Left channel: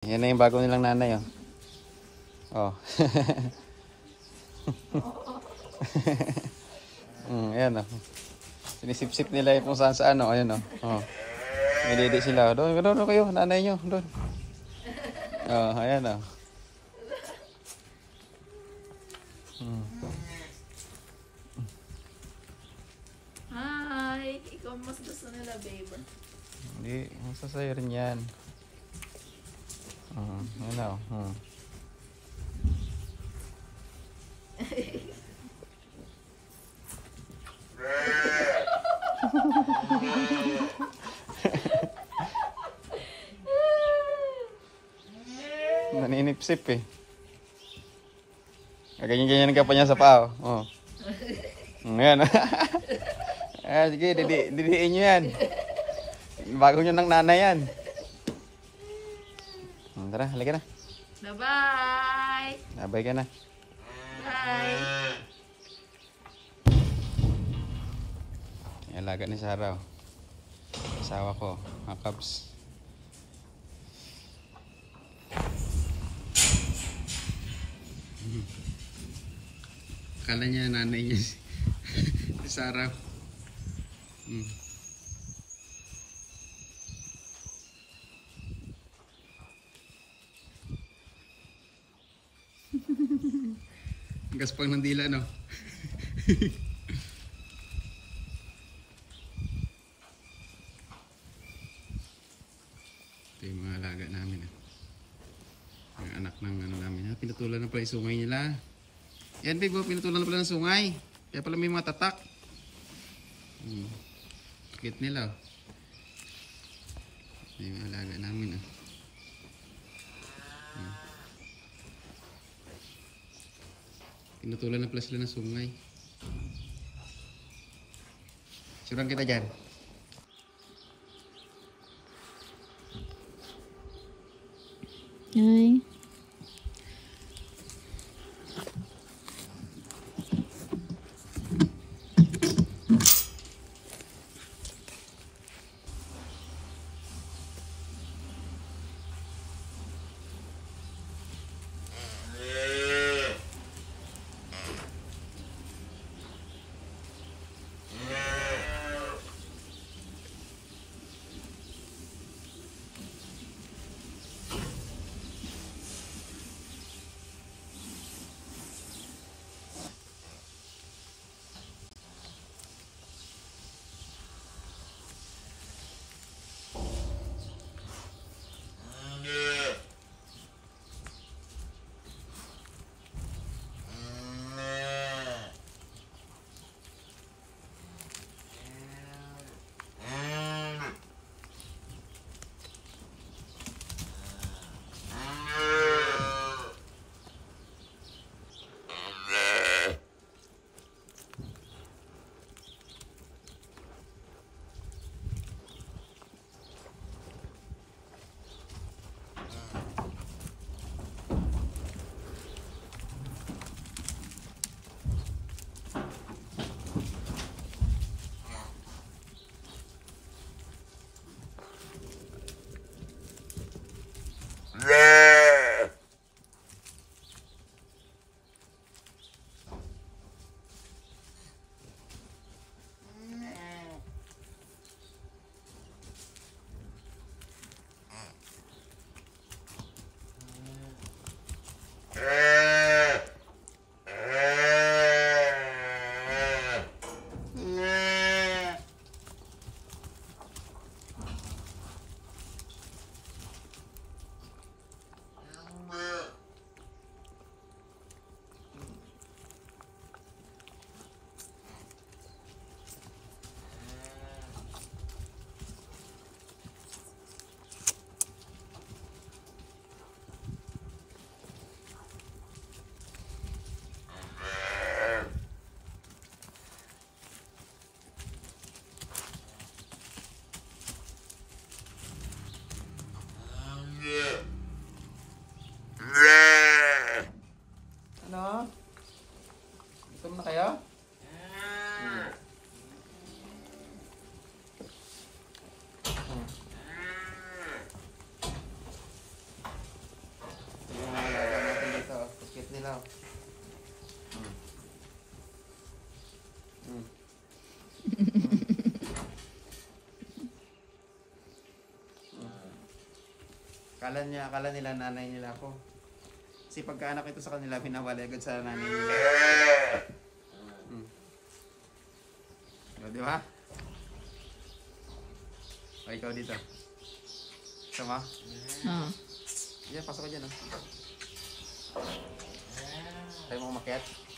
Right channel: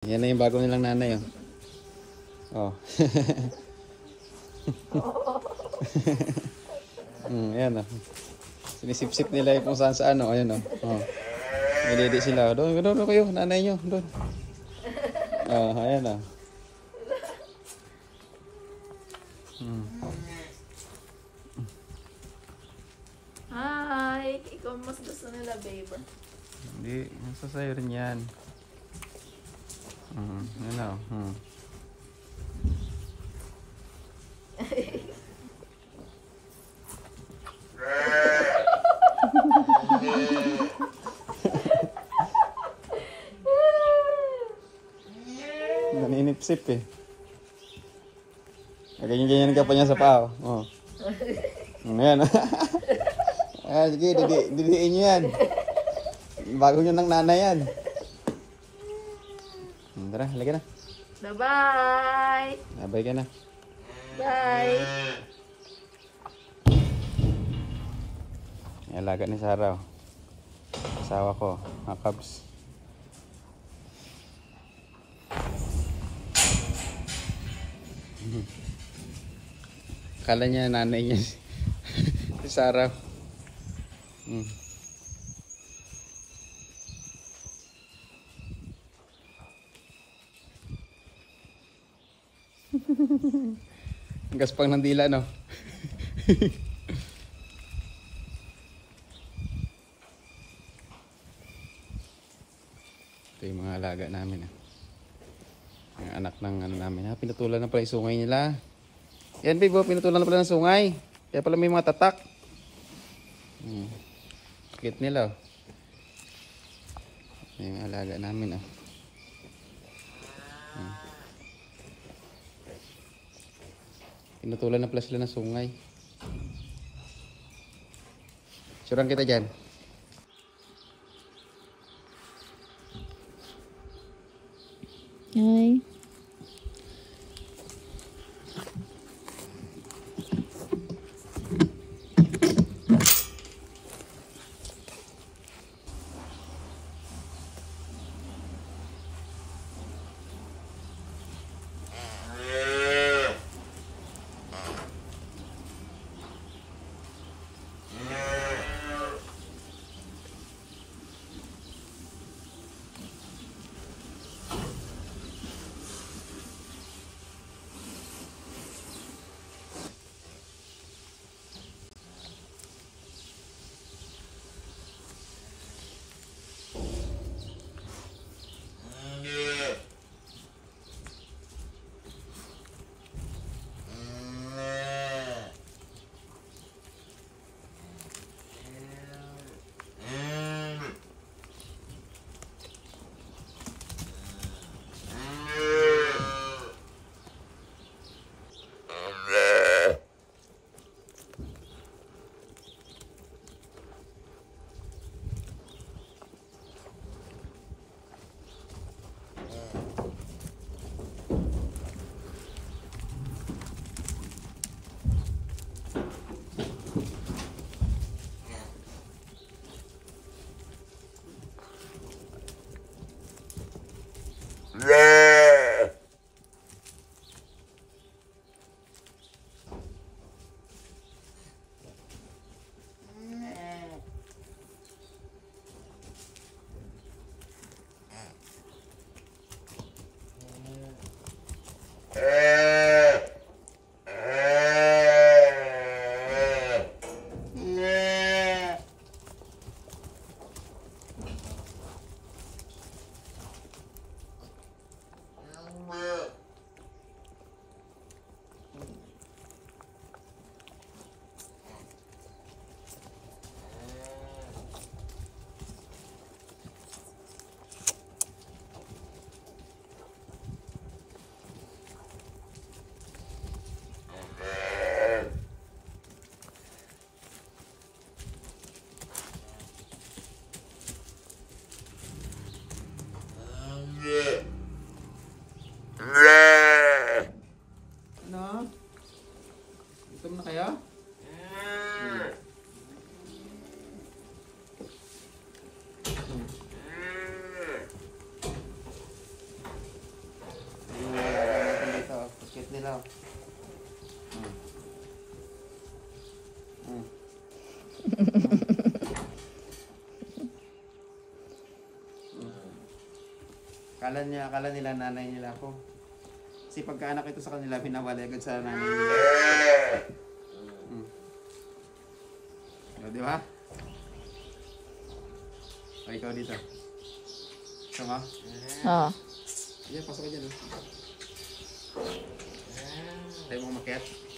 Yan na yung bago nilang nanay, oh. Oh. Ayan, oh. Sinisip-sip nila yung kung saan saan, oh. Ayan, oh. Oh. May didi sila. Doon kayo, nanay nyo. Doon. Oh, ayan, oh. Hi! Ikaw mas gusto nila, babe. Hindi, gusto sa'yo rin yan. Yun, oh. Naninipsip eh. Ganyan-ganyan ka pa niya sa paa. Oh. Ayan. Sige, didiin nyo yan. Bago nyo ng nanay yan. Tara, halika na. Bye-bye! Abay ka na. Bye! Alaga ni Sarah. Asawa ko, mga Cubs. Akala niya nanay niya si Sarah. Gaspang ng dila, no? Ito yung mga alaga namin, ah. Ang anak ng ano namin. Pinutulan na pala yung sungay nila. Yan, babe, pinutulan na pala ng sungay. Kaya pala may mga tatak. Cute nila, oh. Ito yung alaga namin, ah. Pinutulan na pala sila ng sungay. Suran kita dyan. Hi! daw. Hmm. Hmm. Kala nila nanay nila ako. Kasi pagkaanak ito sa kanila, pinawala agad sa nanay nila. O, di ba? O, ikaw dito. Sama? Oo. Diyan, pasok ka dyan. Tayo mo umakyat.